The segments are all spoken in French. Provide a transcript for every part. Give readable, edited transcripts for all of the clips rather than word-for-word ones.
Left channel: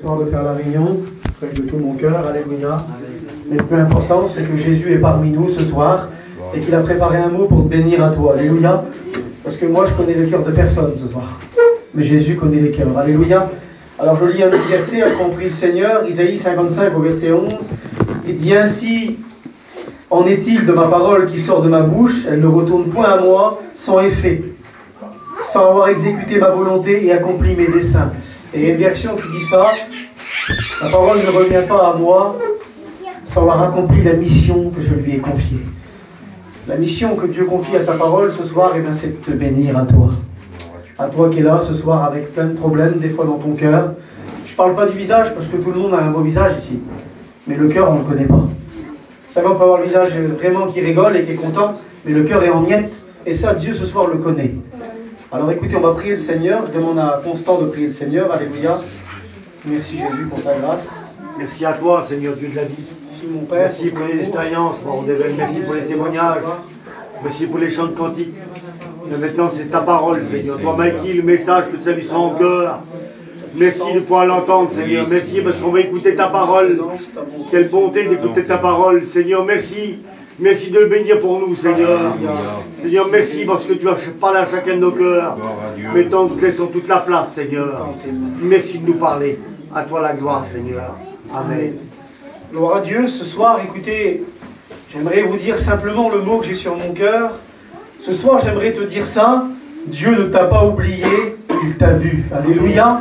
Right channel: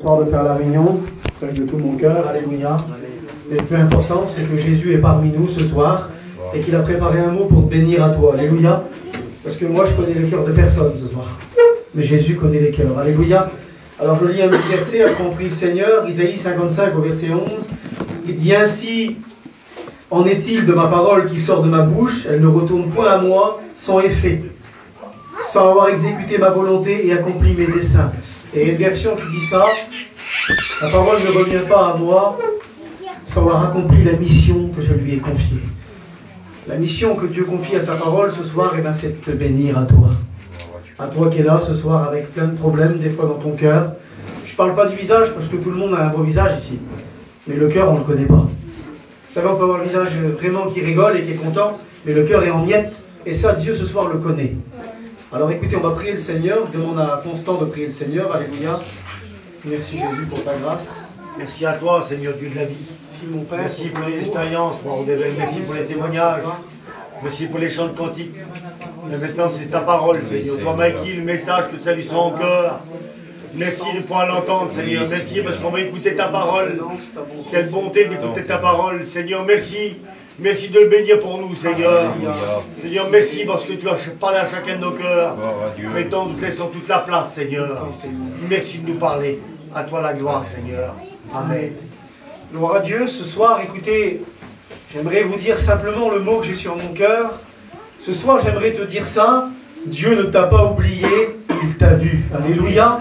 Soir de faire la réunion, de tout mon cœur, alléluia. Mais le plus important, c'est que Jésus est parmi nous ce soir et qu'il a préparé un mot pour te bénir à toi, alléluia. Parce que moi, je connais le cœur de personne ce soir, mais Jésus connaît les cœurs, alléluia. Alors je lis un petit verset, a compris le Seigneur, Isaïe 55 au verset 11. Il dit ainsi: en est-il de ma parole qui sort de ma bouche, elle ne retourne point à moi sans effet, sans avoir exécuté ma volonté et accompli mes desseins. Et il y a une version qui dit ça: la parole ne revient pas à moi sans avoir accompli la mission que je lui ai confiée. La mission que Dieu confie à sa parole ce soir, c'est de te bénir à toi. À toi qui es là ce soir avec plein de problèmes, des fois dans ton cœur. Je ne parle pas du visage parce que tout le monde a un beau visage ici. Mais le cœur, on ne le connaît pas. Vous savez, on peut avoir le visage vraiment qui rigole et qui est content, mais le cœur est en miettes. Et ça, Dieu ce soir le connaît. Alors écoutez, on va prier le Seigneur. Je demande à Constant de prier le Seigneur. Alléluia. Merci Jésus pour ta grâce. Merci à toi, Seigneur Dieu de la vie. Merci mon Père. Merci pour les expériences, merci pour les témoignages. Merci pour les chants de cantiques. Et maintenant, c'est ta parole, Seigneur. Toi, Mikey, le message que ça lui sent en cœur. Merci de pouvoir l'entendre, Seigneur. Merci parce qu'on va écouter ta parole. Quelle bonté d'écouter ta parole, Seigneur. Merci. Merci de le bénir pour nous, Seigneur. Seigneur, merci parce que tu as parlé à chacun de nos cœurs. Mettons, nous laissons toute la place, Seigneur. Merci de nous parler. À toi la gloire, Seigneur. Amen. Gloire à Dieu. Ce soir, écoutez, j'aimerais vous dire simplement le mot que j'ai sur mon cœur. Ce soir, j'aimerais te dire ça. Dieu ne t'a pas oublié, il t'a vu. Alléluia.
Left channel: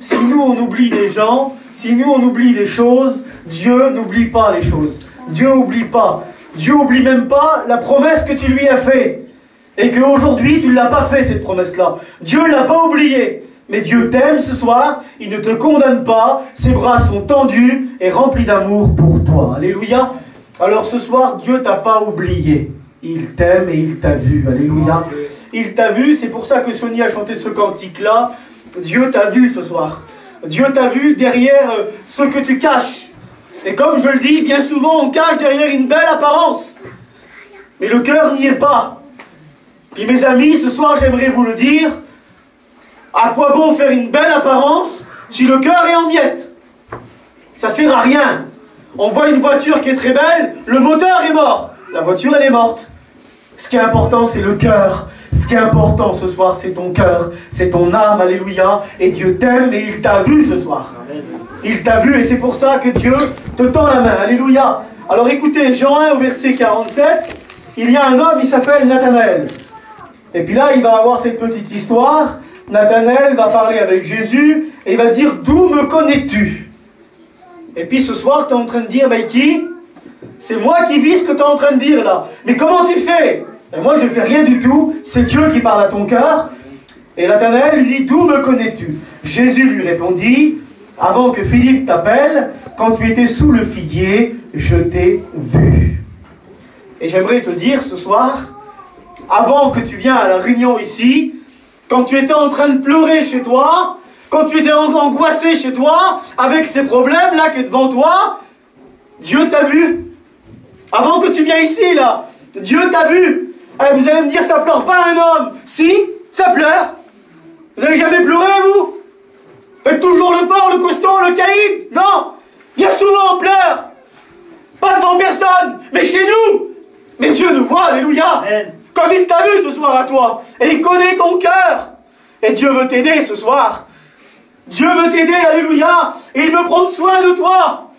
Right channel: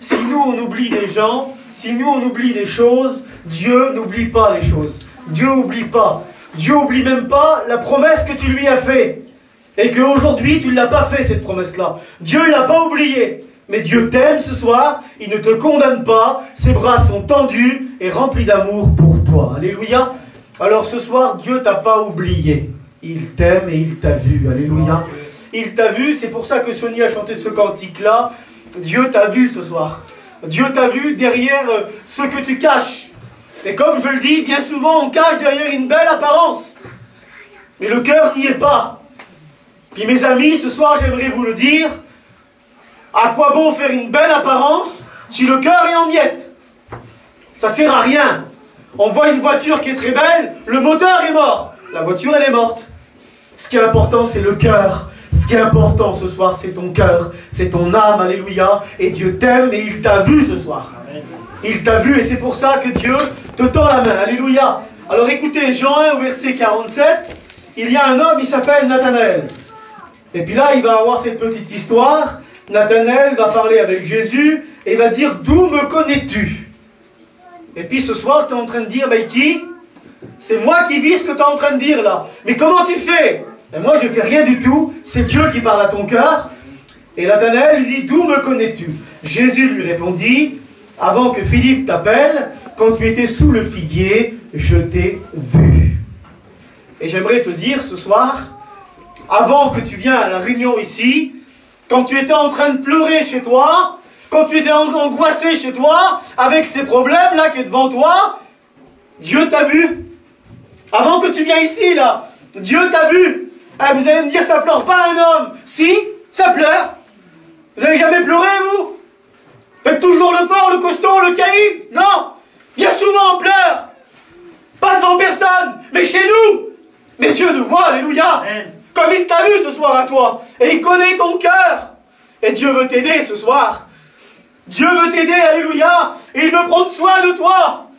Si nous, on oublie des gens, si nous, on oublie des choses, Dieu n'oublie pas les choses. Dieu n'oublie pas. Dieu n'oublie même pas la promesse que tu lui as faite. Et qu'aujourd'hui, tu ne l'as pas fait, cette promesse-là. Dieu ne l'a pas oubliée. Mais Dieu t'aime ce soir, il ne te condamne pas, ses bras sont tendus et remplis d'amour pour toi. Alléluia. Alors ce soir, Dieu t'a pas oublié. Il t'aime et il t'a vu. Alléluia. Il t'a vu, c'est pour ça que Sonia a chanté ce cantique-là. Dieu t'a vu ce soir. Dieu t'a vu derrière ce que tu caches. Et comme je le dis, bien souvent on cache derrière une belle apparence. Mais le cœur n'y est pas. Puis mes amis, ce soir j'aimerais vous le dire. À quoi bon faire une belle apparence si le cœur est en miettes? Ça sert à rien. On voit une voiture qui est très belle, le moteur est mort. La voiture, elle est morte. Ce qui est important, c'est le cœur. Ce qui est important ce soir, c'est ton cœur, c'est ton âme, alléluia. Et Dieu t'aime et il t'a vu ce soir. Il t'a vu et c'est pour ça que Dieu te tend la main, alléluia. Alors écoutez, Jean 1, verset 47, il y a un homme, il s'appelle Nathanaël. Et puis là, il va avoir cette petite histoire. Nathanaël va parler avec Jésus et il va dire: d'où me connais-tu? Et puis ce soir, tu es en train de dire: Mikey, c'est moi qui vis ce que tu es en train de dire là. Mais comment tu fais? Et moi, je ne fais rien du tout. C'est Dieu qui parle à ton cœur. Et Nathanaël lui dit: d'où me connais-tu? Jésus lui répondit: avant que Philippe t'appelle, quand tu étais sous le figuier, je t'ai vu. Et j'aimerais te dire ce soir, avant que tu viennes à la réunion ici, quand tu étais en train de pleurer chez toi, quand tu étais angoissé chez toi, avec ces problèmes-là qui est devant toi, Dieu t'a vu. Avant que tu viennes ici, là, Dieu t'a vu. Alors vous allez me dire, ça pleure pas un homme. Si, ça pleure. Vous n'avez jamais pleuré, vous? Faites toujours le fort, le costaud, le caïd? Non. Bien souvent, on pleure. Pas devant personne, mais chez nous. Mais Dieu nous voit, alléluia. Amen. Comme il t'a vu ce soir à toi. Et il connaît ton cœur. Et Dieu veut t'aider ce soir. Dieu veut t'aider, alléluia. Et il veut prendre soin de toi.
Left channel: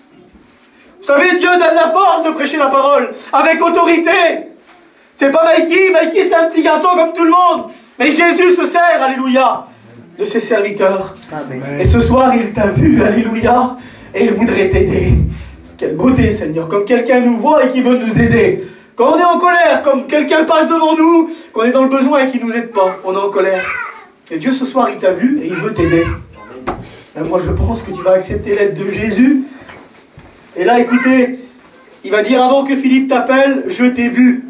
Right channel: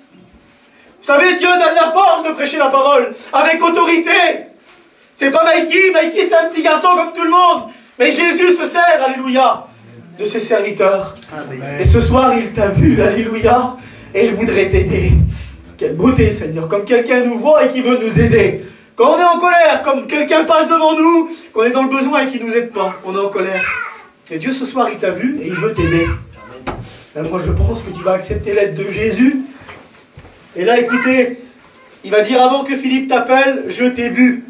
Vous savez, Dieu donne la force de prêcher la parole. Avec autorité. C'est pas Mikey. Mikey, c'est un petit garçon comme tout le monde. Mais Jésus se sert, alléluia, de ses serviteurs. Amen. Et ce soir, il t'a vu, alléluia. Et il voudrait t'aider. Quelle beauté, Seigneur. Comme quelqu'un nous voit et qui veut nous aider. Quand on est en colère, comme quelqu'un passe devant nous, qu'on est dans le besoin et qu'il ne nous aide pas, on est en colère. Et Dieu ce soir, il t'a vu et il veut t'aider. Moi, je pense que tu vas accepter l'aide de Jésus. Et là, écoutez, il va dire: avant que Philippe t'appelle, je t'ai vu.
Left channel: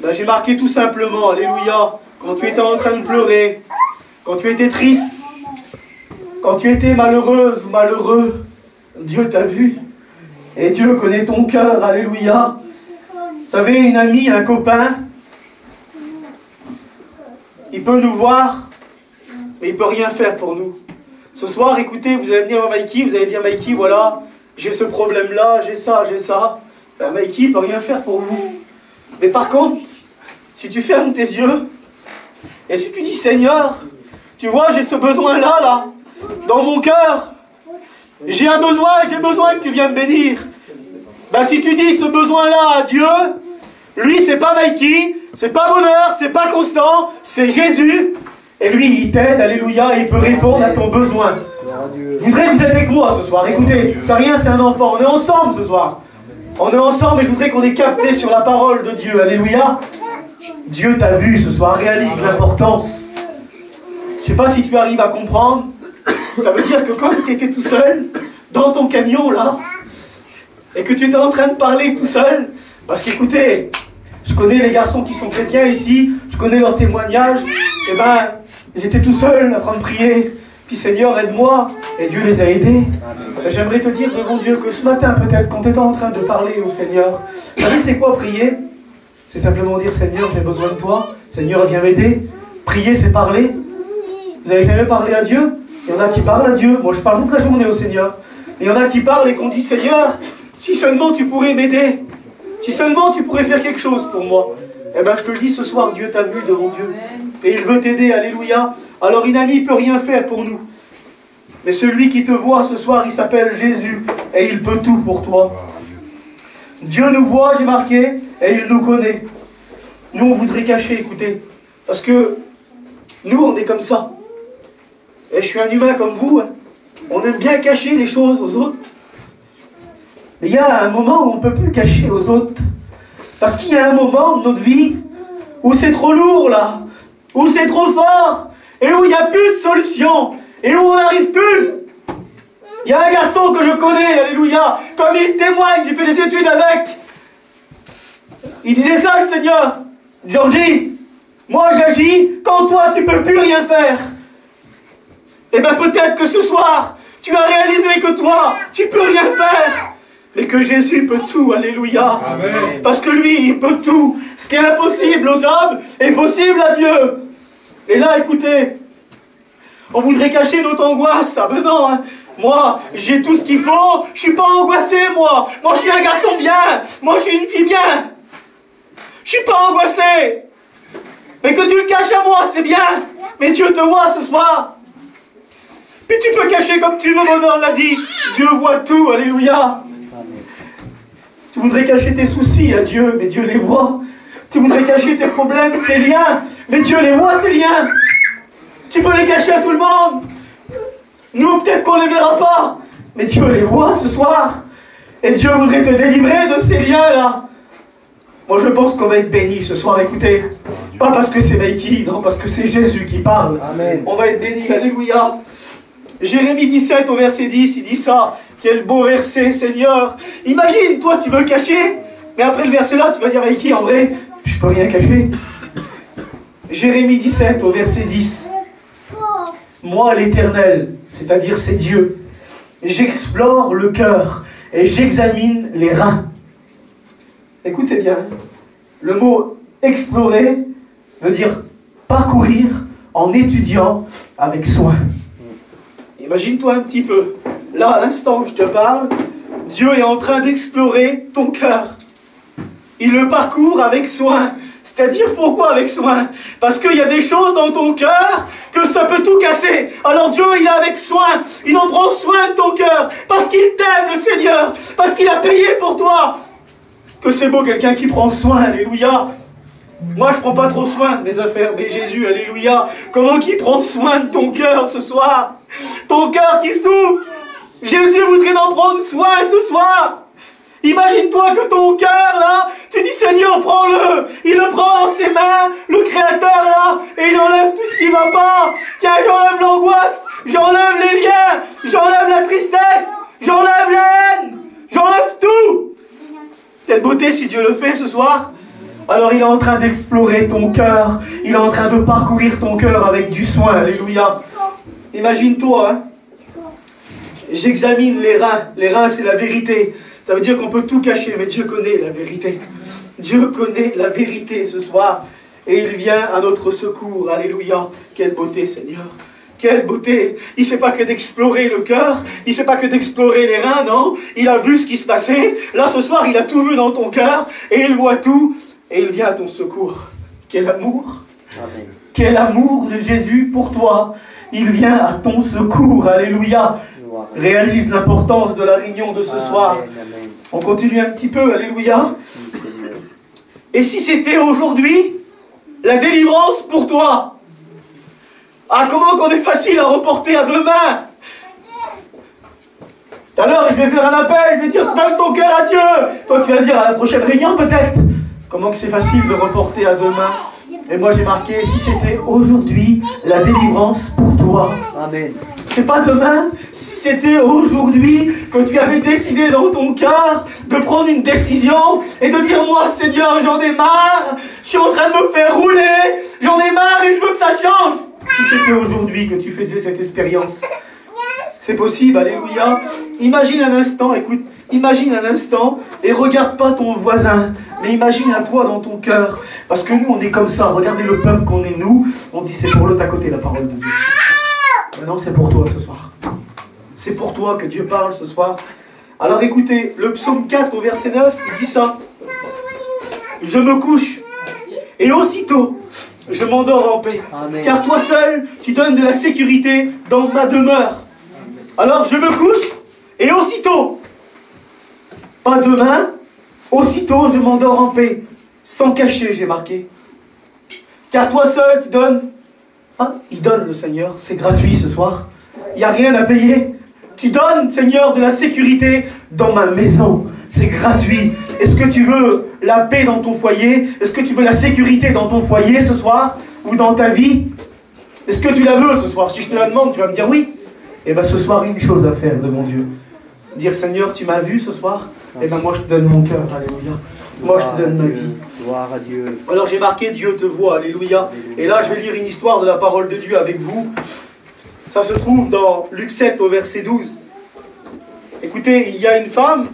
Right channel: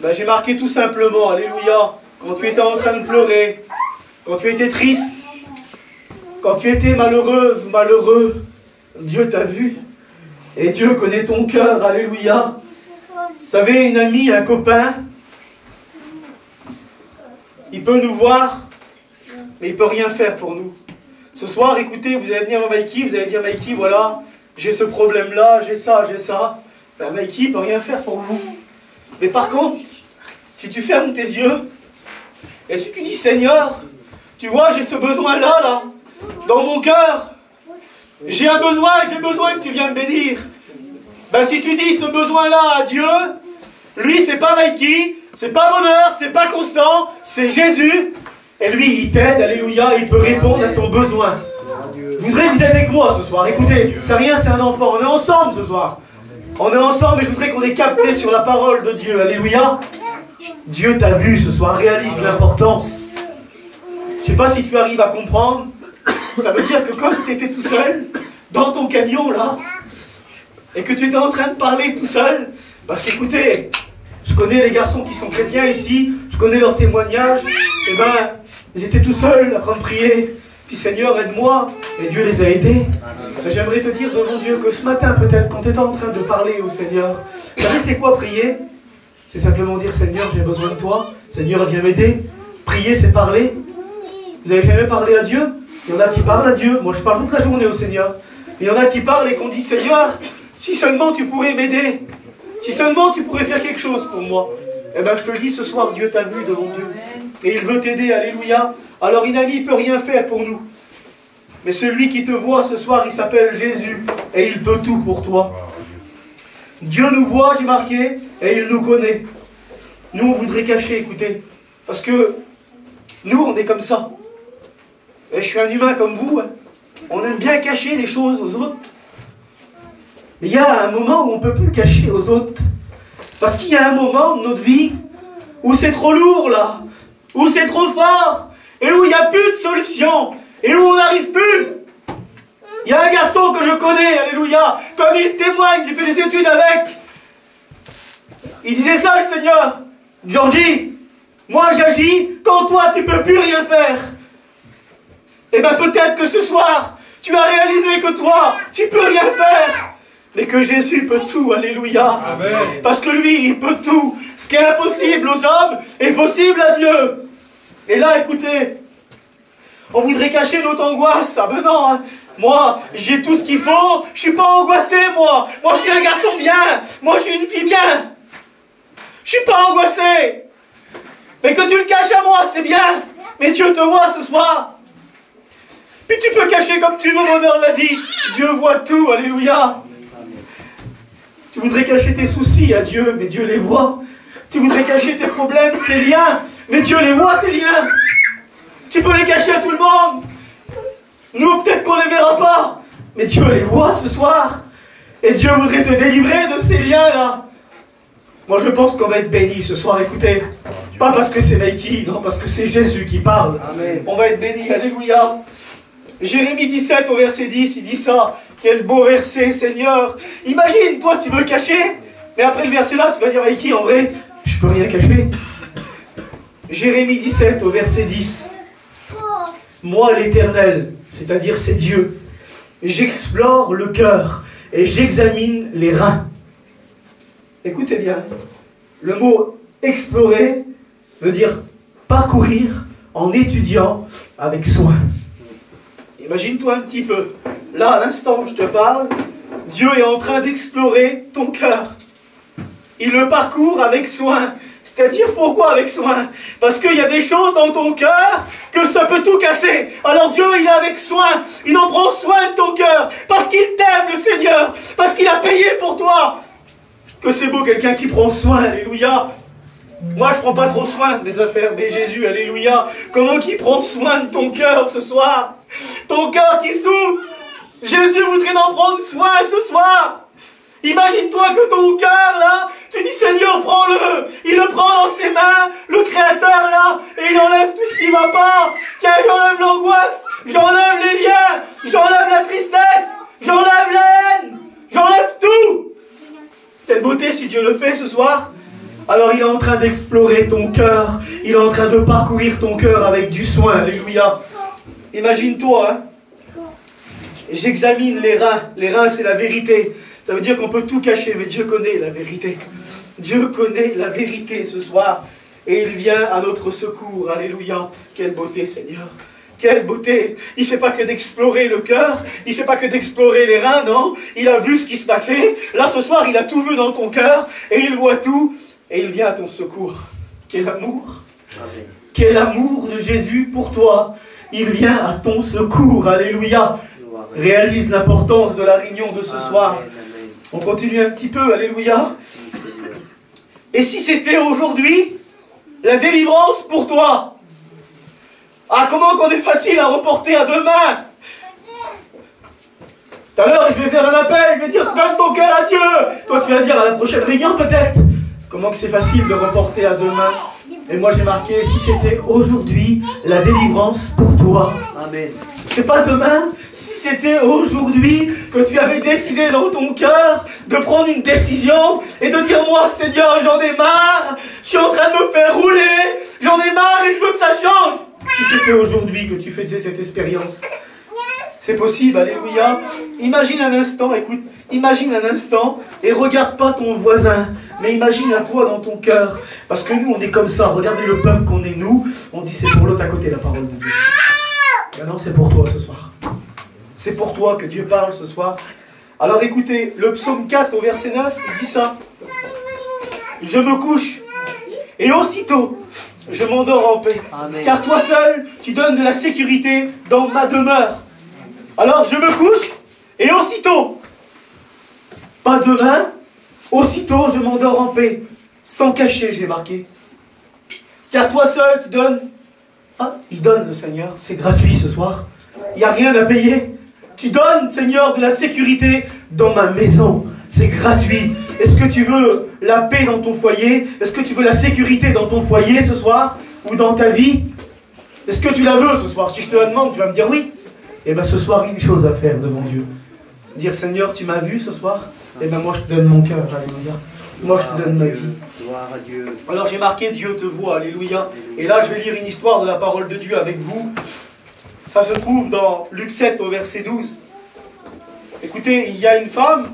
Ben, j'ai marqué tout simplement, alléluia, quand tu étais en train de pleurer, quand tu étais triste, quand tu étais malheureuse ou malheureux, Dieu t'a vu. Et Dieu connaît ton cœur, alléluia. Vous savez, une amie, un copain, il peut nous voir, mais il ne peut rien faire pour nous. Ce soir, écoutez, vous allez venir à Mikey, vous allez dire, Mikey, voilà, j'ai ce problème-là, j'ai ça, j'ai ça. Ben, Mikey ne peut rien faire pour vous. Mais par contre, si tu fermes tes yeux, et si tu dis, Seigneur, tu vois, j'ai ce besoin-là, là, dans mon cœur. J'ai un besoin, j'ai besoin que tu viennes me bénir. Ben, si tu dis ce besoin-là à Dieu, lui, c'est pas Mikey, c'est pas Bonheur, c'est pas Constant, c'est Jésus. Et lui, il t'aide, alléluia, il peut répondre à ton besoin. Je voudrais que vous êtes avec moi ce soir. Écoutez, c'est rien, c'est un enfant. On est ensemble ce soir. On est ensemble et je voudrais qu'on ait capté sur la parole de Dieu. Alléluia. Dieu t'a vu ce soir, réalise l'importance. Je ne sais pas si tu arrives à comprendre. Ça veut dire que quand tu étais tout seul, dans ton camion là, et que tu étais en train de parler tout seul, parce qu'écoutez, je connais les garçons qui sont chrétiens ici, je connais leurs témoignages, et ben, ils étaient tout seuls en train de prier. Puis Seigneur, aide-moi. Et Dieu les a aidés. J'aimerais te dire devant Dieu que ce matin, peut-être, quand tu étais en train de parler au Seigneur, vous savez c'est quoi prier? C'est simplement dire, Seigneur, j'ai besoin de toi. Seigneur, viens m'aider. Prier, c'est parler. Vous n'avez jamais parlé à Dieu? Il y en a qui parlent à Dieu. Moi, je parle toute la journée au Seigneur. Et il y en a qui parlent et qu'on dit, Seigneur, si seulement tu pourrais m'aider. Si seulement tu pourrais faire quelque chose pour moi. Eh bien, je te le dis ce soir, Dieu t'a vu devant Dieu. Et il veut t'aider, alléluia. Alors, Inami ne peut rien faire pour nous. Mais celui qui te voit ce soir, il s'appelle Jésus. Et il peut tout pour toi. Dieu nous voit, j'ai marqué, et il nous connaît. Nous, on voudrait cacher, écoutez. Parce que nous, on est comme ça. Et je suis un humain comme vous. Hein. On aime bien cacher les choses aux autres. Mais il y a un moment où on ne peut plus cacher aux autres. Parce qu'il y a un moment de notre vie où c'est trop lourd, là. Où c'est trop fort. Et où il n'y a plus de solution. Et où on n'arrive plus. Il y a un garçon que je connais, alléluia. Comme il témoigne, j'ai fait des études avec. Il disait ça, le Seigneur. Georgie, moi j'agis quand toi tu ne peux plus rien faire. Et bien peut-être que ce soir, tu as réalisé que toi, tu ne peux rien faire. Mais que Jésus peut tout, alléluia. Amen. Parce que lui, il peut tout. Ce qui est impossible aux hommes est possible à Dieu. Et là, écoutez, on voudrait cacher notre angoisse. Ah ben non, hein. Moi, j'ai tout ce qu'il faut. Je ne suis pas angoissé, moi. Moi, je suis un garçon bien. Moi, je suis une fille bien. Je ne suis pas angoissé. Mais que tu le caches à moi, c'est bien. Mais Dieu te voit ce soir. Puis tu peux cacher comme tu veux, Bonheur l'a dit. Dieu voit tout, alléluia. Tu voudrais cacher tes soucis à Dieu, mais Dieu les voit. Tu voudrais cacher tes problèmes, tes liens, mais Dieu les voit, tes liens. Tu peux les cacher à tout le monde. Nous, peut-être qu'on ne les verra pas, mais Dieu les voit ce soir. Et Dieu voudrait te délivrer de ces liens-là. Moi, je pense qu'on va être bénis ce soir, écoutez. Pas parce que c'est Mikey, non, parce que c'est Jésus qui parle. Amen. On va être bénis, alléluia. Jérémie 17 au verset 10, il dit ça. Quel beau verset, Seigneur. Imagine, toi, tu veux cacher, mais après le verset là, tu vas dire, Mikey, en vrai, je peux rien cacher. Jérémie 17 au verset 10. Moi, l'Éternel, c'est-à-dire c'est Dieu, j'explore le cœur et j'examine les reins. Écoutez bien, le mot explorer veut dire parcourir en étudiant avec soin. Imagine-toi un petit peu, là à l'instant où je te parle, Dieu est en train d'explorer ton cœur. Il le parcourt avec soin. C'est-à-dire pourquoi avec soin? Parce qu'il y a des choses dans ton cœur que ça peut tout casser. Alors Dieu, il est avec soin. Il en prend soin de ton cœur. Parce qu'il t'aime, le Seigneur. Parce qu'il a payé pour toi. Que c'est beau quelqu'un qui prend soin, alléluia. Moi, je ne prends pas trop soin de mes affaires, mais Jésus, alléluia. Comment qu'il prend soin de ton cœur ce soir? Ton cœur qui souffre. Jésus voudrait en prendre soin ce soir. Imagine-toi que ton cœur, là, tu dis, Seigneur, prends-le. Il le prend dans ses mains, le Créateur, là, et il enlève tout ce qui ne va pas. Tiens, j'enlève l'angoisse, j'enlève les liens, j'enlève la tristesse, j'enlève la haine, j'enlève tout. Quelle beauté si Dieu le fait ce soir. Alors il est en train d'explorer ton cœur, il est en train de parcourir ton cœur avec du soin, alléluia. Imagine-toi, hein. J'examine les reins. Les reins, c'est la vérité. Ça veut dire qu'on peut tout cacher, mais Dieu connaît la vérité. Dieu connaît la vérité ce soir. Et il vient à notre secours. Alléluia. Quelle beauté, Seigneur. quelle beauté! Il ne fait pas que d'explorer le cœur, il ne fait pas que d'explorer les reins, non. Il a vu ce qui se passait. Là, ce soir, il a tout vu dans ton cœur et il voit tout et il vient à ton secours. Quel amour! Amen. Quel amour de Jésus pour toi! Il vient à ton secours. Alléluia! Réalise l'importance de la réunion de ce soir. Amen. On continue un petit peu. Alléluia! Et si c'était aujourd'hui la délivrance pour toi? Ah, comment qu'on est facile à reporter à demain. Tout à l'heure, je vais faire un appel, je vais dire, donne ton cœur à Dieu. Toi, tu vas dire à la prochaine réunion, peut-être. Comment que c'est facile de reporter à demain. Et moi, j'ai marqué, si c'était aujourd'hui la délivrance pour toi. Amen. C'est pas demain. Si c'était aujourd'hui que tu avais décidé dans ton cœur de prendre une décision et de dire, moi, Seigneur, j'en ai marre. Je suis en train de me faire rouler. J'en ai marre et je veux que ça change. Si c'était aujourd'hui que tu faisais cette expérience, c'est possible, alléluia. Imagine un instant, écoute, imagine un instant et regarde pas ton voisin, mais imagine à toi dans ton cœur. Parce que nous, on est comme ça. Regardez le peuple qu'on est, nous. On dit c'est pour l'autre à côté, la parole de Dieu. Maintenant, c'est pour toi ce soir. C'est pour toi que Dieu parle ce soir. Alors écoutez, le psaume 4 au verset 9, il dit ça. Je me couche et aussitôt je m'endors en paix. Amen. Car toi seul, tu donnes de la sécurité dans ma demeure. Alors je me couche et aussitôt, pas demain, aussitôt je m'endors en paix. Sans cacher, j'ai marqué. Car toi seul, tu donnes. Ah, il donne le Seigneur, c'est gratuit ce soir. Il n'y a rien à payer. Tu donnes, Seigneur, de la sécurité dans ma maison. C'est gratuit. Est-ce que tu veux la paix dans ton foyer? Est-ce que tu veux la sécurité dans ton foyer ce soir? Ou dans ta vie? Est-ce que tu la veux ce soir? Si je te la demande, tu vas me dire oui. Eh bien ce soir, une chose à faire devant Dieu. Dire, Seigneur, tu m'as vu ce soir? Eh bien moi je te donne mon cœur. Alléluia. Moi je te donne ma vie. Gloire à Dieu. Alors j'ai marqué Dieu te voit. Alléluia. Et là je vais lire une histoire de la parole de Dieu avec vous. Ça se trouve dans Luc 7 au verset 12. Écoutez, il y a une femme.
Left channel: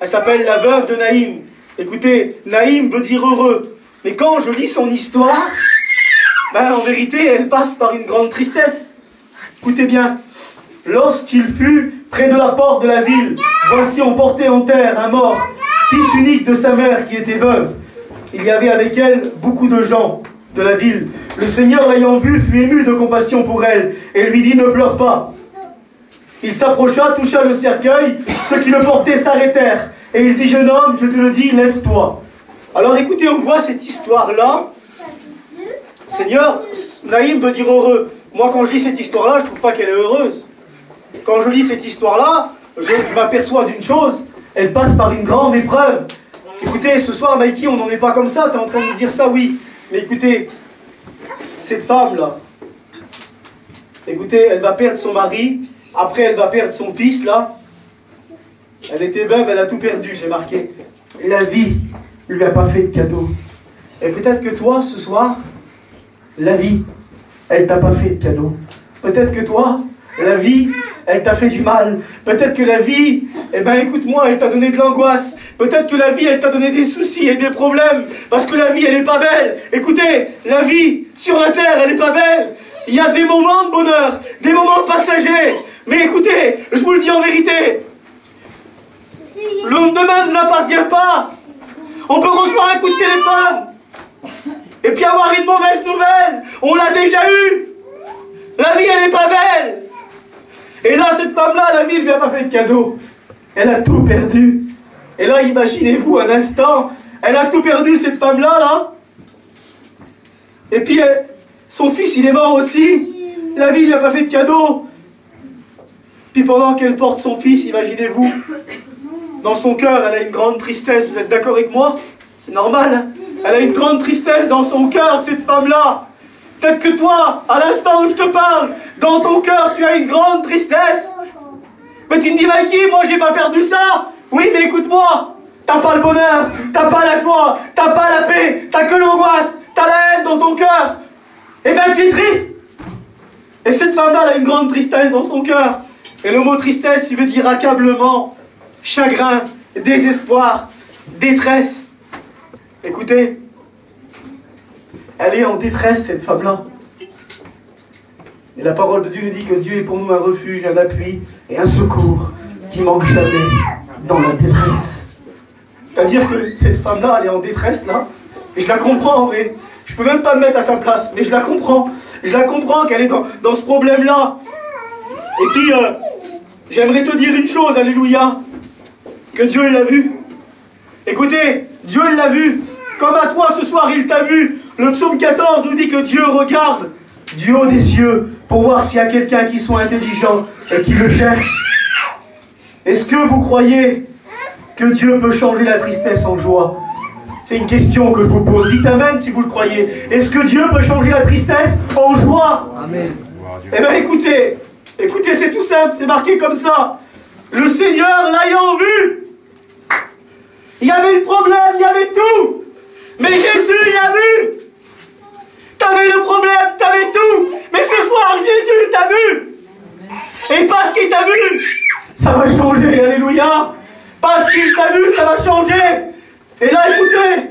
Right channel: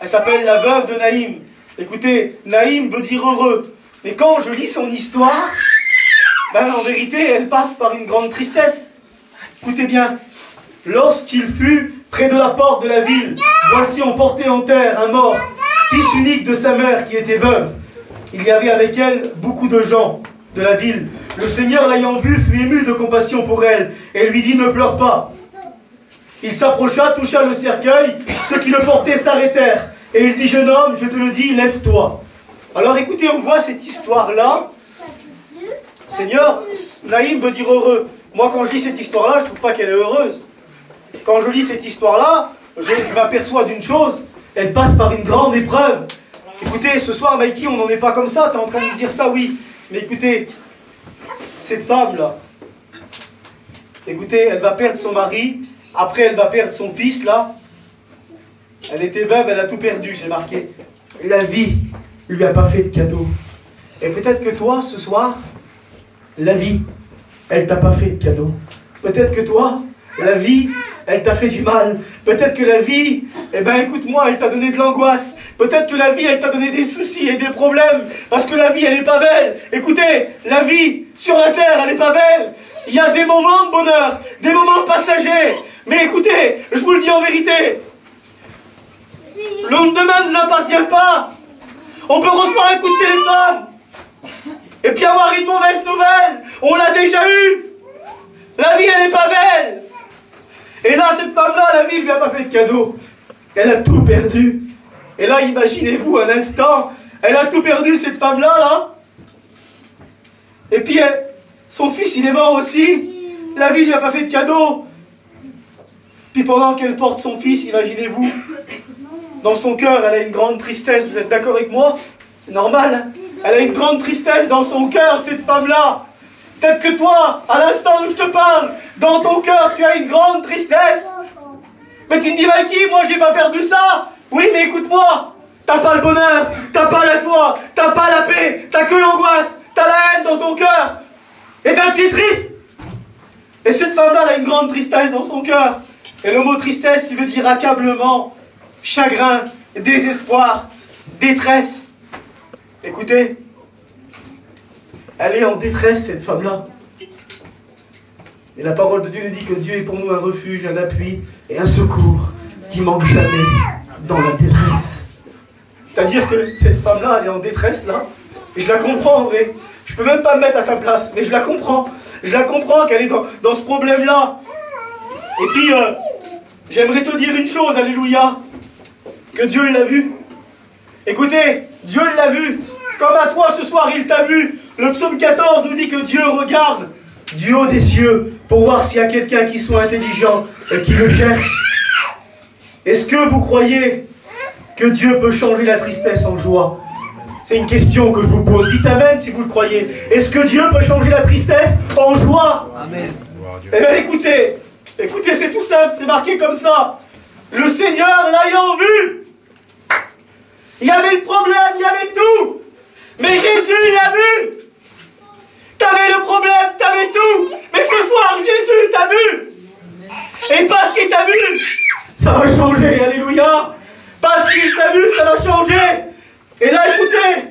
Elle s'appelle la veuve de Naïm. Écoutez, Naïm veut dire heureux. Mais quand je lis son histoire, ben, en vérité, elle passe par une grande tristesse. Écoutez bien. Lorsqu'il fut près de la porte de la ville, voici on portait en terre un mort, fils unique de sa mère qui était veuve. Il y avait avec elle beaucoup de gens de la ville. Le Seigneur l'ayant vue fut ému de compassion pour elle et lui dit, ne pleure pas. Il s'approcha, toucha le cercueil, ceux qui le portaient s'arrêtèrent. Et il dit, jeune homme, je te le dis, lève-toi. Alors écoutez, on voit cette histoire-là. Seigneur, Naïm veut dire heureux. Moi, quand je lis cette histoire-là, je ne trouve pas qu'elle est heureuse. Quand je lis cette histoire-là, je m'aperçois d'une chose. Elle passe par une grande épreuve. Écoutez, ce soir, Mikey, on n'en est pas comme ça. Tu es en train de me dire ça, oui. Mais écoutez, cette femme-là, écoutez, elle va perdre son mari. Après, elle va perdre son fils, là. Elle était veuve, elle a tout perdu, j'ai marqué. La vie ne lui a pas fait de cadeau. Et peut-être que toi, ce soir, la vie, elle t'a pas fait de cadeau. Peut-être que toi, la vie, elle t'a fait du mal. Peut-être que la vie, eh ben écoute-moi, elle t'a donné de l'angoisse. Peut-être que la vie, elle t'a donné des soucis et des problèmes. Parce que la vie, elle n'est pas belle. Écoutez, la vie, sur la terre, elle n'est pas belle. Il y a des moments de bonheur, des moments passagers. Mais écoutez, je vous le dis en vérité, le lendemain ne nous appartient pas. On peut recevoir un coup de téléphone et puis avoir une mauvaise nouvelle. On l'a déjà eu. La vie, elle n'est pas belle. Et là, cette femme-là, la vie ne lui a pas fait de cadeau. Elle a tout perdu. Et là, imaginez-vous un instant, elle a tout perdu, cette femme-là, là. Et puis, son fils, il est mort aussi. La vie ne lui a pas fait de cadeau. Puis pendant qu'elle porte son fils, imaginez-vous, dans son cœur, elle a une grande tristesse. Vous êtes d'accord avec moi? C'est normal, hein? Elle a une grande tristesse dans son cœur, cette femme-là. Peut-être que toi, à l'instant où je te parle, dans ton cœur, tu as une grande tristesse. Mais tu me dis, Mikey, moi, j'ai pas perdu ça. Oui, mais écoute-moi, t'as pas le bonheur, t'as pas la joie, t'as pas la paix, t'as que l'angoisse, t'as la haine dans ton cœur. Eh ben, tu es triste. Et cette femme-là, elle a une grande tristesse dans son cœur. Et le mot tristesse, il veut dire accablement, chagrin, désespoir, détresse. Écoutez, elle est en détresse, cette femme-là. Et la parole de Dieu nous dit que Dieu est pour nous un refuge, un appui et un secours qui manque jamais dans la détresse. C'est-à-dire que cette femme-là, elle est en détresse là, et je la comprends en vrai. Je peux même pas me mettre à sa place, mais je la comprends. Je la comprends qu'elle est dans ce problème-là. Et puis, j'aimerais te dire une chose, alléluia, que Dieu l'a vu. Écoutez, Dieu l'a vu. Comme à toi ce soir, il t'a vu. Le psaume 14 nous dit que Dieu regarde du haut des cieux pour voir s'il y a quelqu'un qui soit intelligent et qui le cherche. Est-ce que vous croyez que Dieu peut changer la tristesse en joie? C'est une question que je vous pose. Dites amen si vous le croyez. Est-ce que Dieu peut changer la tristesse en joie? Amen. Eh bien écoutez, c'est tout simple, c'est marqué comme ça. Le Seigneur l'ayant vu, il y avait le problème, il y avait tout. Mais Jésus l'a vu. T'avais le problème, t'avais tout. Mais ce soir, Jésus t'a vu. Et parce qu'il t'a vu, ça va changer, alléluia. Parce qu'il t'a vu, ça va changer. Et là, écoutez,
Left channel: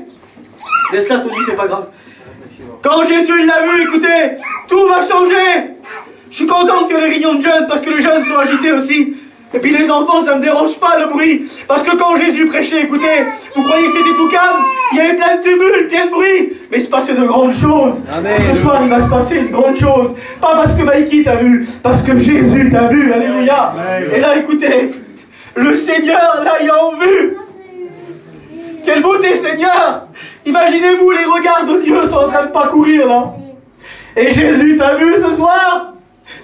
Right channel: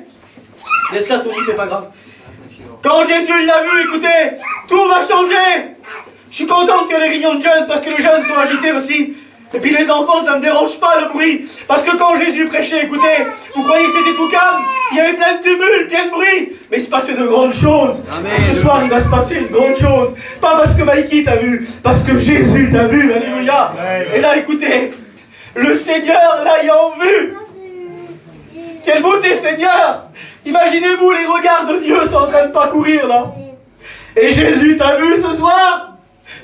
laisse-la Sony, c'est pas grave. Quand Jésus l'a vu, écoutez, tout va changer. Je suis content de faire les réunions de jeunes parce que les jeunes sont agités aussi. Et puis les enfants, ça ne me dérange pas le bruit. Parce que quand Jésus prêchait, écoutez, vous croyez que c'était tout calme? Il y avait plein de tumulte, plein de bruit. Mais il se passait de grandes choses. Amen. Ce soir, il va se passer une grande chose. Pas parce que Mikey t'a vu, parce que Jésus t'a vu. Alléluia. Amen. Et là, écoutez, le Seigneur l'ayant vu. Quelle beauté, Seigneur! Imaginez-vous, les regards de Dieu sont en train de parcourir là. Et Jésus t'a vu ce soir?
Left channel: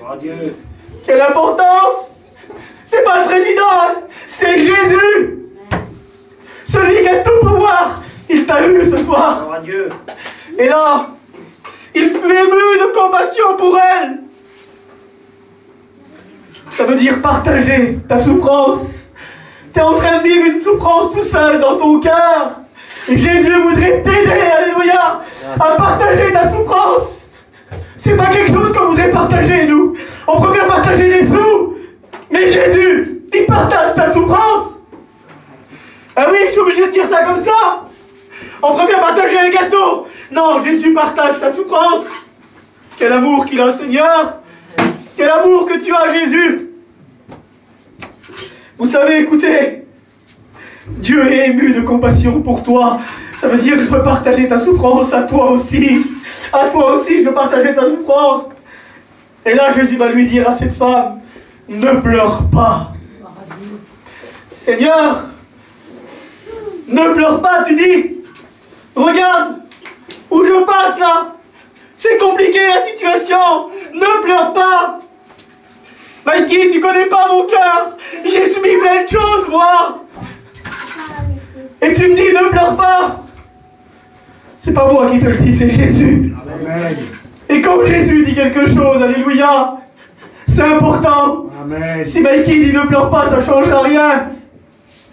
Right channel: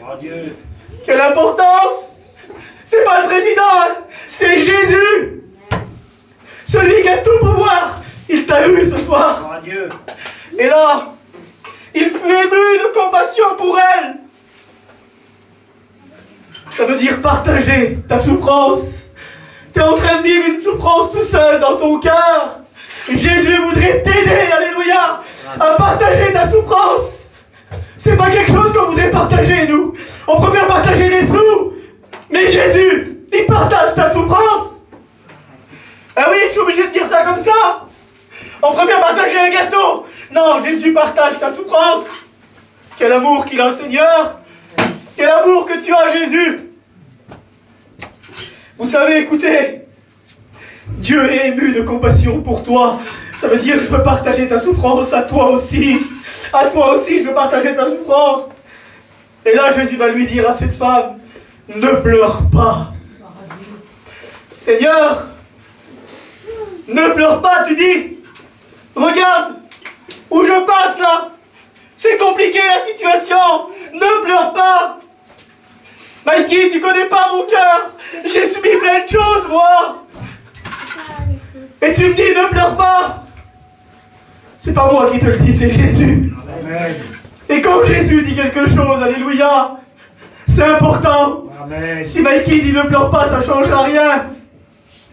Oh, Dieu. Quelle importance! C'est pas le président, hein, c'est Jésus! Celui qui a tout pouvoir, il t'a vu ce soir. Oh, Dieu. Et là, il fut ému de compassion pour elle. Ça veut dire partager ta souffrance. Tu es en train de vivre une souffrance tout seul dans ton cœur. Jésus voudrait t'aider, alléluia, à partager ta souffrance. C'est pas quelque chose qu'on voudrait partager, nous. On préfère partager des sous. Mais Jésus, il partage ta souffrance. Ah oui, je suis obligé de dire ça comme ça. On préfère partager un gâteau. Non, Jésus partage ta souffrance. Quel amour qu'il a, Seigneur. Quel amour que tu as, Jésus. Vous savez, écoutez, Dieu est ému de compassion pour toi. Ça veut dire que je veux partager ta souffrance à toi aussi. À toi aussi, je veux partager ta souffrance. Et là, Jésus va lui dire à cette femme, ne pleure pas. Seigneur, ne pleure pas, tu dis. Regarde où je passe là. C'est compliqué la situation. Ne pleure pas. Mikey, tu connais pas mon cœur. J'ai subi plein de choses, moi. Et tu me dis, ne pleure pas. C'est pas moi qui te le dis, c'est Jésus. Amen. Et quand Jésus dit quelque chose, alléluia, c'est important. Amen. Si Mikey dit ne pleure pas, ça ne changera rien.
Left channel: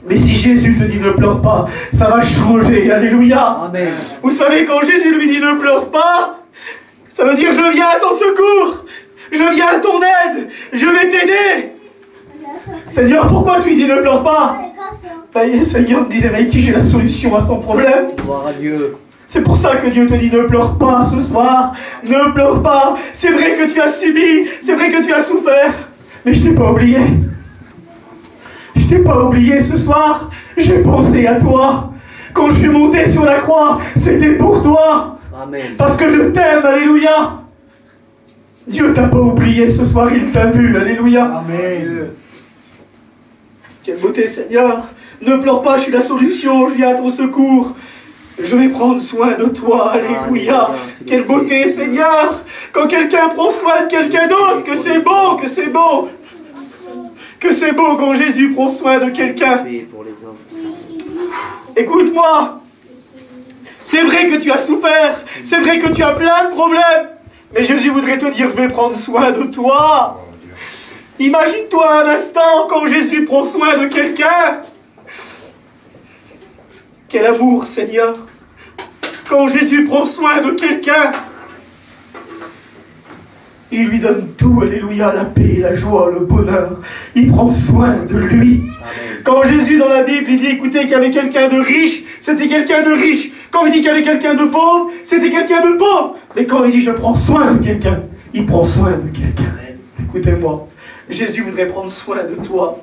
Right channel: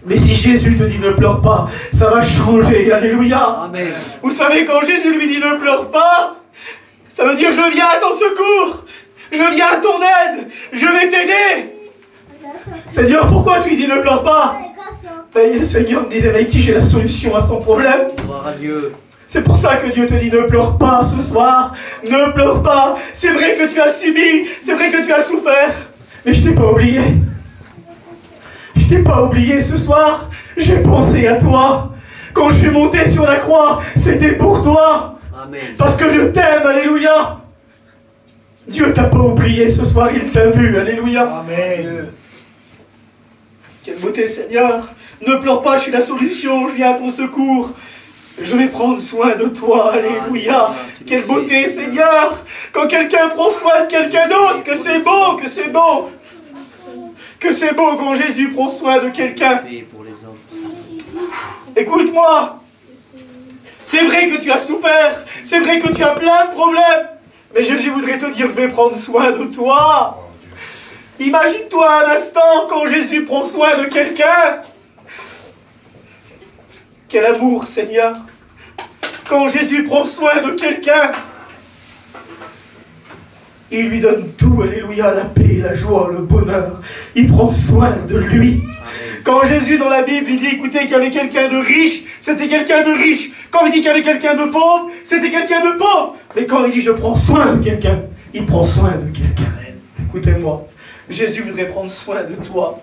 Mais si Jésus te dit ne pleure pas, ça va changer. Alléluia. Amen. Vous savez, quand Jésus lui dit ne pleure pas, ça veut dire je viens à ton secours. Je viens à ton aide. Je vais t'aider. Seigneur, pourquoi tu lui dis ne pleure pas? Le Seigneur me disait, Mikey, j'ai la solution à son problème. Gloire à Dieu. C'est pour ça que Dieu te dit ne pleure pas ce soir. Ne pleure pas. C'est vrai que tu as subi. C'est vrai que tu as souffert. Mais je t'ai pas oublié. Je t'ai pas oublié ce soir. J'ai pensé à toi. Quand je suis monté sur la croix, c'était pour toi. Amen. Parce que je t'aime. Alléluia. Dieu t'a pas oublié ce soir. Il t'a vu. Alléluia. Amen. Quelle beauté, Seigneur. Ne pleure pas, je suis la solution. Je viens à ton secours. Je vais prendre soin de toi, alléluia. Quelle beauté, Seigneur. Quand quelqu'un prend soin de quelqu'un d'autre, que c'est beau, que c'est beau. Que c'est beau quand Jésus prend soin de quelqu'un. Écoute-moi. C'est vrai que tu as souffert. C'est vrai que tu as plein de problèmes. Mais Jésus voudrait te dire, je vais prendre soin de toi. Imagine-toi un instant quand Jésus prend soin de quelqu'un. Quel amour, Seigneur. Quand Jésus prend soin de quelqu'un, il lui donne tout, alléluia, la paix, la joie, le bonheur. Il prend soin de lui. Amen. Quand Jésus, dans la Bible, il dit, écoutez, qu'il y avait quelqu'un de riche, c'était quelqu'un de riche. Quand il dit qu'il y avait quelqu'un de pauvre, c'était quelqu'un de pauvre. Mais quand il dit, je prends soin de quelqu'un, il prend soin de quelqu'un. écoutez-moi. Jésus voudrait prendre soin de toi.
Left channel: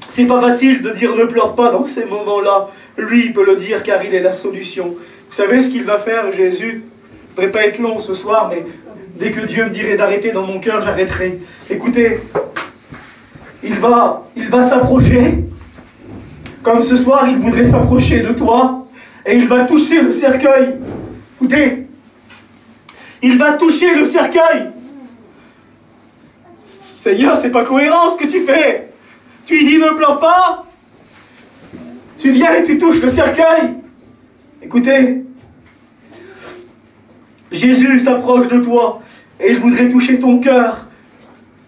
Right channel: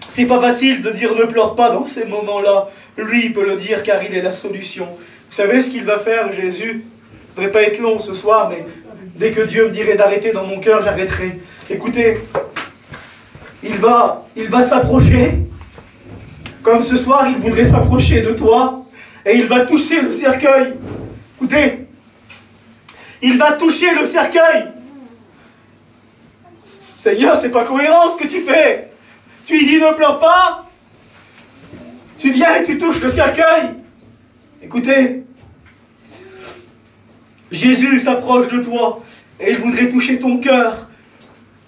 C'est pas facile de dire ne pleure pas dans ces moments-là. Lui, il peut le dire car il est la solution. Vous savez ce qu'il va faire, Jésus? Je ne voudrais pas être long ce soir, mais dès que Dieu me dirait d'arrêter dans mon cœur, j'arrêterai. Écoutez, il va s'approcher. Comme ce soir, il voudrait s'approcher de toi. Et il va toucher le cercueil. Écoutez, il va toucher le cercueil. Seigneur, c'est pas cohérent ce que tu fais. Tu lui dis ne pleure pas. Tu viens et tu touches le cercueil. Écoutez, Jésus s'approche de toi et il voudrait toucher ton cœur.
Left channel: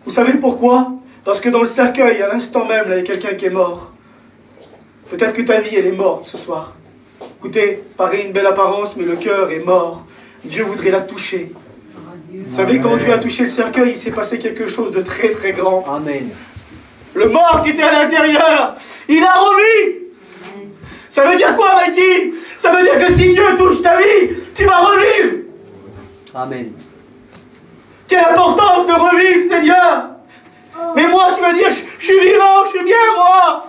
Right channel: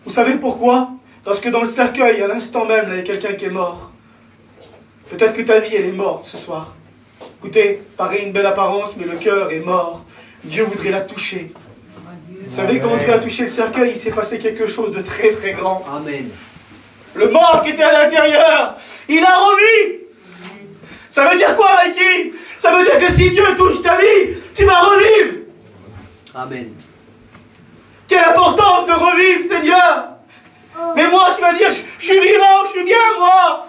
Vous savez pourquoi? Parce que dans le cercueil, à l'instant même, il y a quelqu'un qui est mort. Peut-être que ta vie, elle est morte ce soir. Écoutez, paraît une belle apparence, mais le cœur est mort. Dieu voudrait la toucher. Vous savez, quand Dieu a touché le cercueil, il s'est passé quelque chose de très très grand. Amen. Le mort qui était à l'intérieur, il a revu. Ça veut dire quoi, Mikey? Ça veut dire que si Dieu touche ta vie, tu vas revivre. Amen. Quelle importance de revivre, Seigneur. Mais moi, je veux dire, je suis vivant, je suis bien, moi.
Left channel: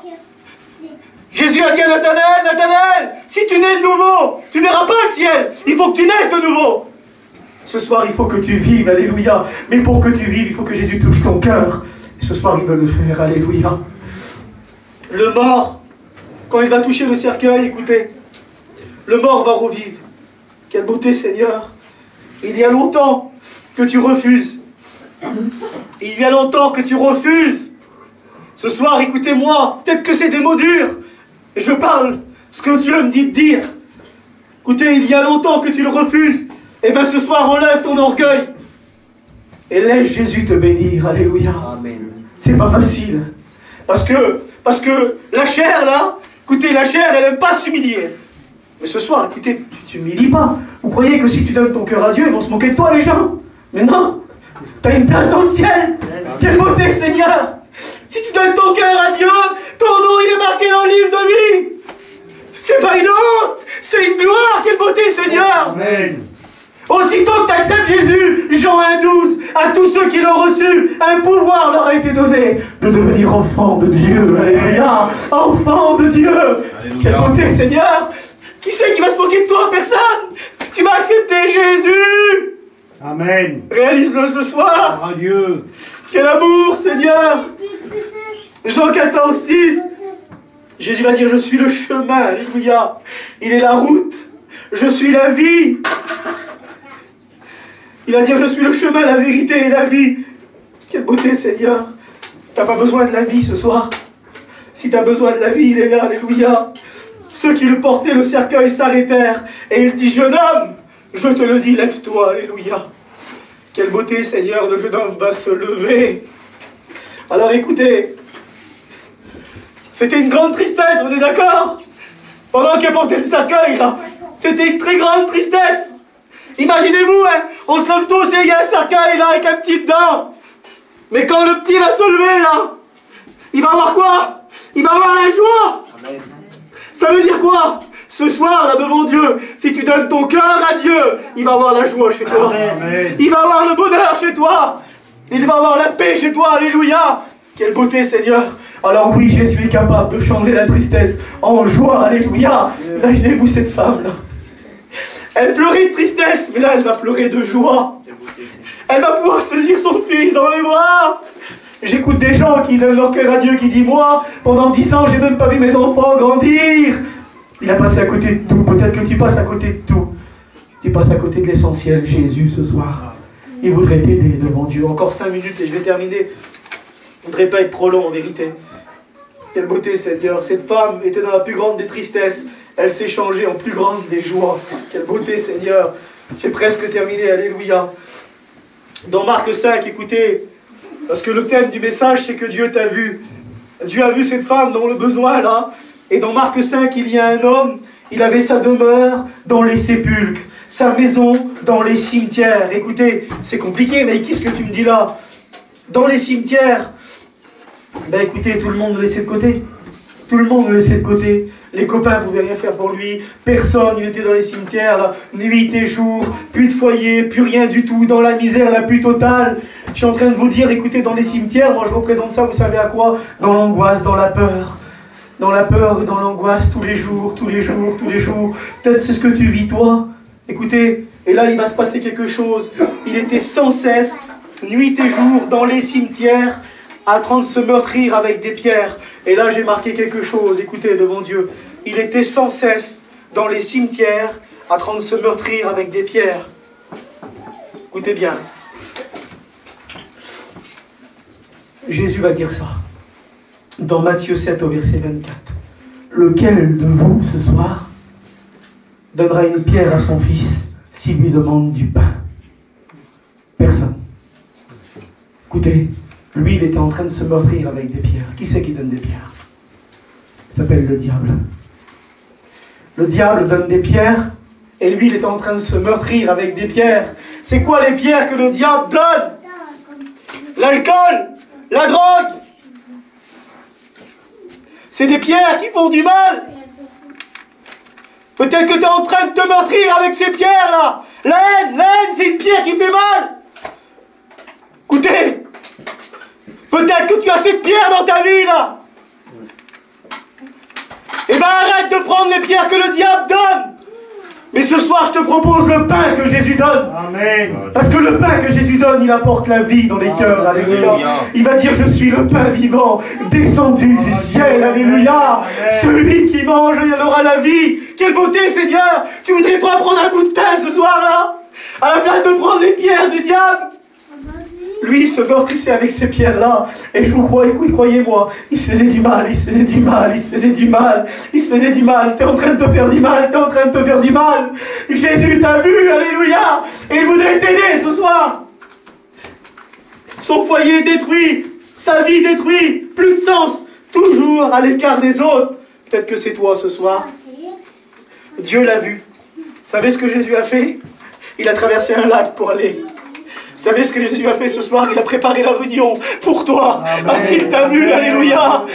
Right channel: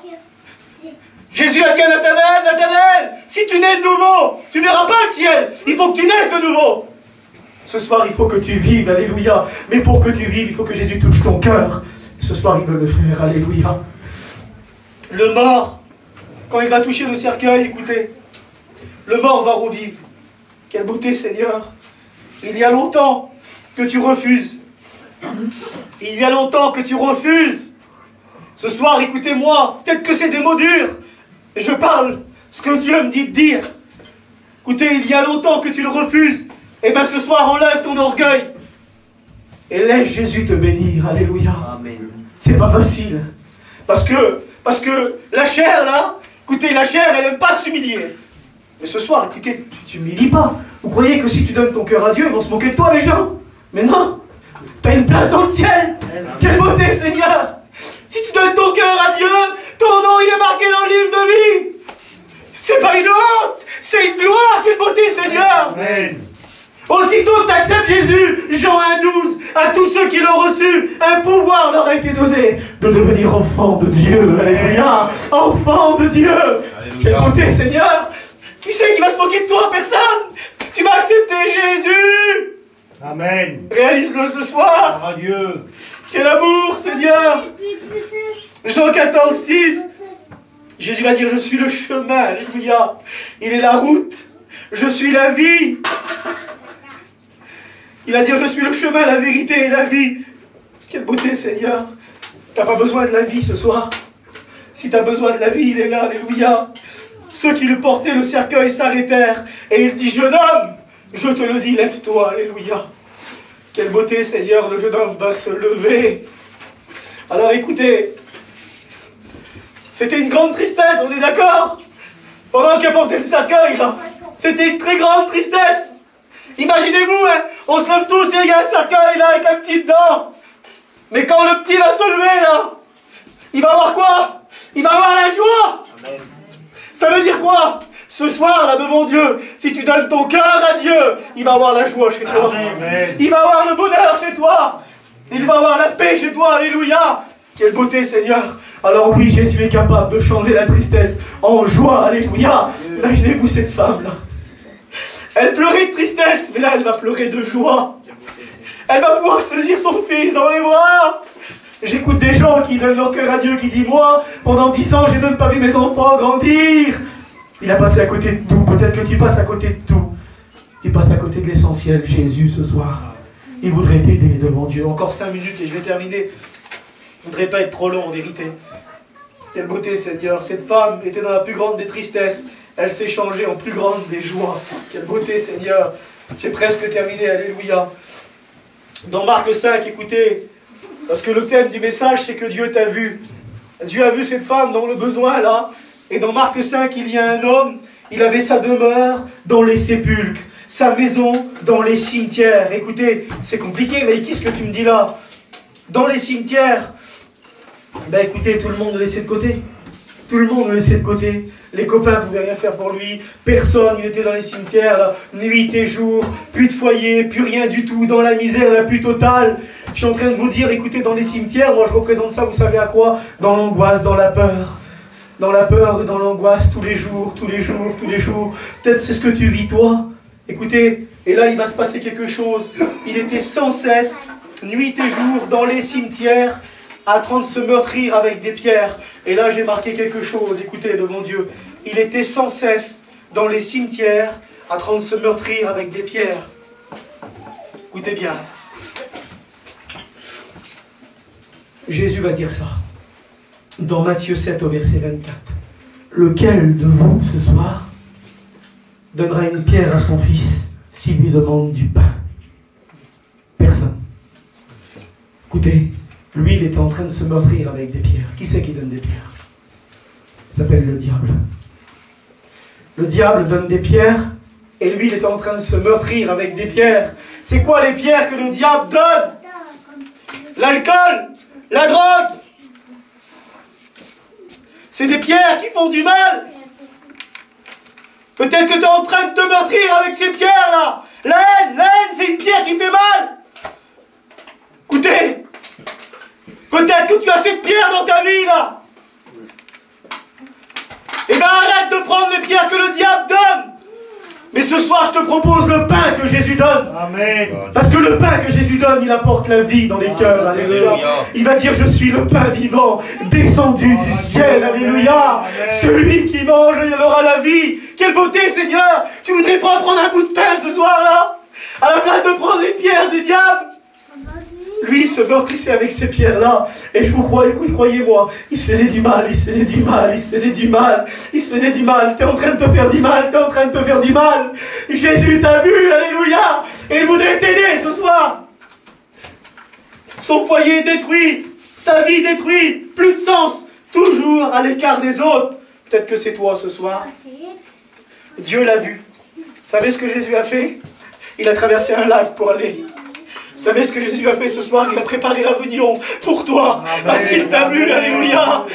Jésus a dit à Nathanaël, Nathanaël, si tu nais de nouveau, tu ne verras pas le ciel. Il faut que tu naisses de nouveau. Ce soir, il faut que tu vives, alléluia. Mais pour que tu vives, il faut que Jésus touche ton cœur. Et ce soir, il veut le faire, alléluia. Le mort, quand il va toucher le cercueil, écoutez, le mort va revivre. Quelle beauté, Seigneur. Il y a longtemps que tu refuses. Il y a longtemps que tu refuses. Ce soir, écoutez-moi, peut-être que c'est des mots durs. Et je parle ce que Dieu me dit de dire. Écoutez, il y a longtemps que tu le refuses. Et bien ce soir, enlève ton orgueil. Et laisse Jésus te bénir. Alléluia. Amen. C'est pas facile. Parce que la chair, là, écoutez, la chair, elle n'aime pas s'humilier. Mais ce soir, écoutez, tu t'humilies pas. Vous croyez que si tu donnes ton cœur à Dieu, ils vont se moquer de toi, les gens? Mais non. Tu as une place dans le ciel. Quelle beauté, Seigneur. Si tu donnes ton cœur à Dieu, ton nom, il est marqué dans le livre de vie. C'est pas une honte, c'est une gloire. Quelle beauté, Seigneur. Amen. Aussitôt que tu acceptes Jésus, Jean 1,12, à tous ceux qui l'ont reçu, un pouvoir leur a été donné de devenir enfants de Dieu. Alléluia. Enfants de Dieu. Alléluia. Quelle beauté, Seigneur. Qui c'est qui va se moquer de toi? Personne. Tu vas accepter Jésus. Amen. Réalise-le ce soir. Adieu. Quel amour, Seigneur. Jean 14, 6. Jésus va dire, je suis le chemin. Alléluia. Il est la route. Je suis la vie. Il va dire, je suis le chemin, la vérité et la vie. Quelle beauté, Seigneur. Tu n'as pas besoin de la vie ce soir. Si tu as besoin de la vie, il est là. Alléluia. Ceux qui le portaient le cercueil s'arrêtèrent. Et il dit, jeune homme, je te le dis, lève-toi. Alléluia. Quelle beauté, Seigneur, le jeune homme va se lever. Alors écoutez, c'était une grande tristesse, on est d'accord? Pendant qu'il portait le cercueil, là, c'était une très grande tristesse. Imaginez-vous, hein, on se lève tous et il y a un cercueil là avec un petit dedans. Mais quand le petit va se lever là, il va avoir quoi? Il va avoir la joie. Amen. Ça veut dire quoi? Ce soir, là, devant Dieu, si tu donnes ton cœur à Dieu, il va avoir la joie chez toi. Amen. Il va avoir le bonheur chez toi. Il va avoir la paix chez toi. Alléluia. Quelle beauté, Seigneur. Alors oui, Jésus est capable de changer la tristesse en joie. Alléluia. Imaginez-vous cette femme-là. Elle pleurait de tristesse, mais là, elle va pleurer de joie. Elle va pouvoir saisir son fils dans les bras. J'écoute des gens qui donnent leur cœur à Dieu, qui disent, moi, pendant 10 ans, j'ai même pas vu mes enfants grandir. Il a passé à côté de tout. Peut-être que tu passes à côté de tout. Tu passes à côté de l'essentiel, Jésus, ce soir. Il voudrait t'aider devant Dieu. Encore 5 minutes et je vais terminer. Je ne voudrais pas être trop long, en vérité. Quelle beauté, Seigneur. Cette femme était dans la plus grande des tristesses. Elle s'est changée en plus grande des joies. Quelle beauté, Seigneur. J'ai presque terminé. Alléluia. Dans Marc 5, écoutez, parce que le thème du message, c'est que Dieu t'a vu. Dieu a vu cette femme dans le besoin, là. Et dans Marc 5, il y a un homme, il avait sa demeure dans les sépulcres, sa maison dans les cimetières. Écoutez, c'est compliqué, mais qu'est-ce que tu me dis là? Dans les cimetières. Ben écoutez, tout le monde le laissait de côté. Tout le monde le laissait de côté. Les copains ne pouvaient rien faire pour lui. Personne, il était dans les cimetières, là, nuit et jour. Plus de foyer, plus rien du tout. Dans la misère la plus totale. Je suis en train de vous dire, écoutez, dans les cimetières, moi je représente ça, vous savez à quoi? Dans l'angoisse, dans la peur. Dans la peur et dans l'angoisse, tous les jours, tous les jours, tous les jours. Peut-être c'est ce que tu vis, toi. Écoutez, et là il va se passer quelque chose. Il était sans cesse, nuit et jour, dans les cimetières, en train de se meurtrir avec des pierres. Et là j'ai marqué quelque chose, écoutez, devant Dieu. Il était sans cesse dans les cimetières, en train de se meurtrir avec des pierres. Écoutez bien. Jésus va dire ça. Dans Matthieu 7 au verset 24. Lequel de vous, ce soir, donnera une pierre à son fils s'il lui demande du pain? Personne. Écoutez, lui, il était en train de se meurtrir avec des pierres. Qui c'est qui donne des pierres? Ça s'appelle le diable. Le diable donne des pierres, et lui, il était en train de se meurtrir avec des pierres. C'est quoi les pierres que le diable donne? L'alcool, la drogue. C'est des pierres qui font du mal. Peut-être que tu es en train de te meurtrir avec ces pierres-là. La haine, c'est une pierre qui fait mal. Écoutez, peut-être que tu as cette pierre dans ta vie, là. Eh bien, arrête de prendre les pierres que le diable donne. Mais ce soir, je te propose le pain que Jésus donne. Amen. Parce que le pain que Jésus donne, il apporte la vie dans les cœurs. Alléluia. Il va dire, je suis le pain vivant, descendu du ciel. Alléluia. Celui qui mange, il aura la vie. Quelle beauté, Seigneur. Tu voudrais pas prendre un bout de pain ce soir-là, à la place de prendre les pierres du diable? Lui, il se meurtrissait avec ces pierres-là. Et je vous crois, écoute, croyez-moi, il se faisait du mal, il se faisait du mal, il se faisait du mal, il se faisait du mal. T'es en train de te faire du mal, t'es en train de te faire du mal. Jésus t'a vu, alléluia. Et il voudrait t'aider ce soir. Son foyer détruit, sa vie détruite, plus de sens, toujours à l'écart des autres. Peut-être que c'est toi ce soir. Dieu l'a vu. Vous savez ce que Jésus a fait? Il a traversé un lac pour aller. Vous savez ce que Jésus a fait ce soir? Il a préparé la réunion pour toi. Amen. Parce qu'il t'a vu, alléluia.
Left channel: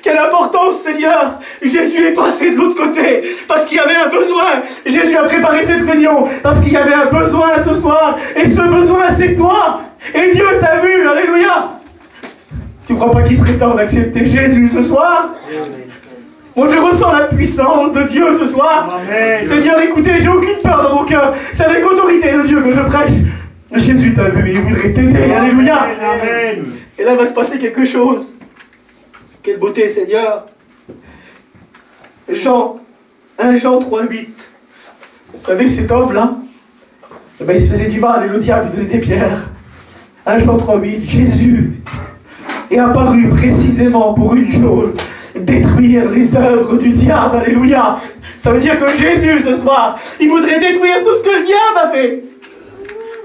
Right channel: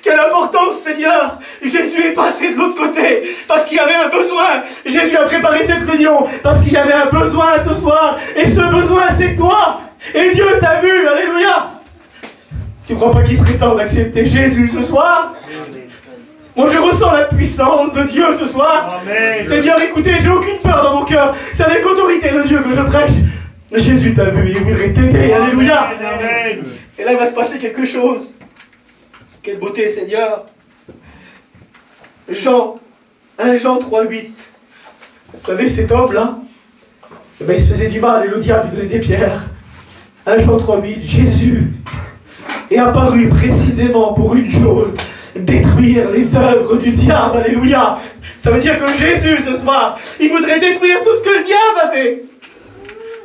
Quelle importance, Seigneur. Jésus est passé de l'autre côté parce qu'il y avait un besoin. Jésus a préparé cette réunion parce qu'il y avait un besoin ce soir. Et ce besoin, c'est toi. Et Dieu t'a vu, alléluia. Tu ne crois pas qu'il serait temps d'accepter Jésus ce soir? Moi, je ressens la puissance de Dieu ce soir. Amen. Seigneur, écoutez, j'ai aucune peur dans mon cœur. C'est avec autorité de Dieu que je prêche. Jésus t'a vu, il voudrait t'aider, alléluia. Amen. Et là va se passer quelque chose. Quelle beauté, Seigneur. 1 Jean 3,8. Vous savez, cet homme-là, eh ben, il se faisait du mal et le diable lui donnait des pierres. 1 Jean 3,8. Jésus est apparu précisément pour une chose: détruire les œuvres du diable, alléluia. Ça veut dire que Jésus, ce soir, il voudrait détruire tout ce que le diable a fait.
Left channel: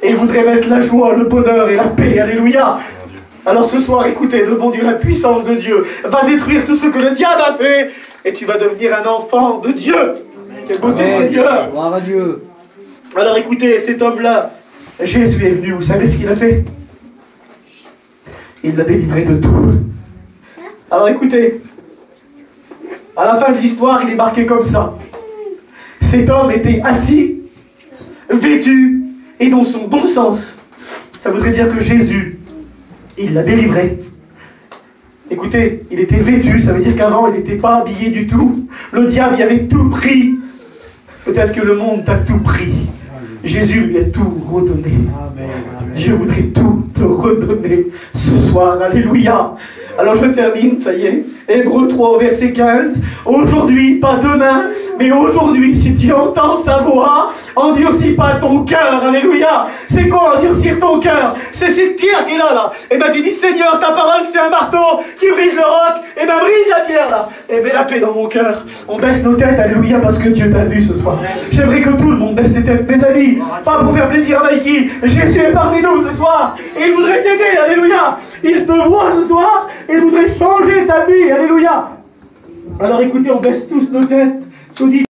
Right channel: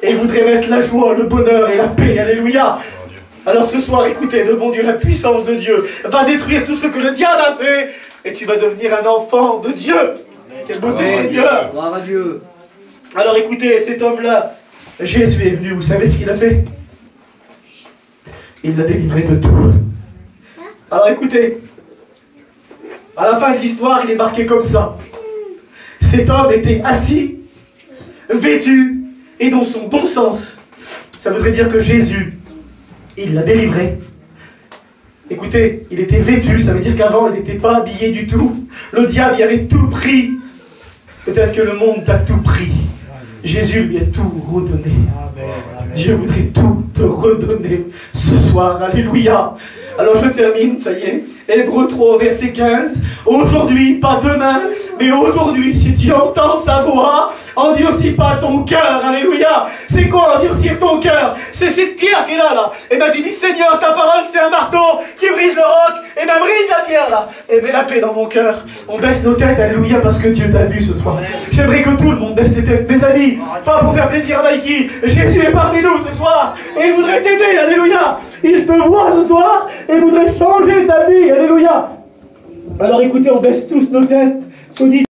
Et il voudrait mettre la joie, le bonheur et la paix. Alléluia. Alors ce soir, écoutez, devant Dieu, la puissance de Dieu va détruire tout ce que le diable a fait. Et tu vas devenir un enfant de Dieu. Quelle beauté, Amen. Seigneur. Gloire à Dieu. Alors écoutez, cet homme-là, Jésus est venu. Vous savez ce qu'il a fait? Il l'a délivré de tout. Alors écoutez, à la fin de l'histoire, il est marqué comme ça. Cet homme était assis, vêtu, et dans son bon sens. Ça voudrait dire que Jésus, il l'a délivré. Écoutez, il était vêtu, ça veut dire qu'avant, il n'était pas habillé du tout. Le diable y avait tout pris. Peut-être que le monde t'a tout pris. Jésus lui a tout redonné. Amen. Dieu voudrait tout te redonner ce soir. Alléluia. Alors je termine, ça y est. Hébreux 3, verset 15. Aujourd'hui, pas demain, mais aujourd'hui, si tu entends sa voix, endurcis pas ton cœur. Alléluia. C'est quoi endurcir ton cœur? C'est cette pierre qui est là. Et ben tu dis, Seigneur, ta parole c'est un marteau qui brise le roc. Et ben brise la pierre là. Et mets la paix dans mon cœur. On baisse nos têtes, alléluia, parce que Dieu t'a vu ce soir. J'aimerais que tout le monde baisse les têtes, mes amis. Pas pour faire plaisir à Mikey. Jésus est parmi nous ce soir. Et il voudrait t'aider, alléluia. Il te voit ce soir et il voudrait changer ta vie, alléluia. Alors écoutez, on baisse tous nos têtes. Saudi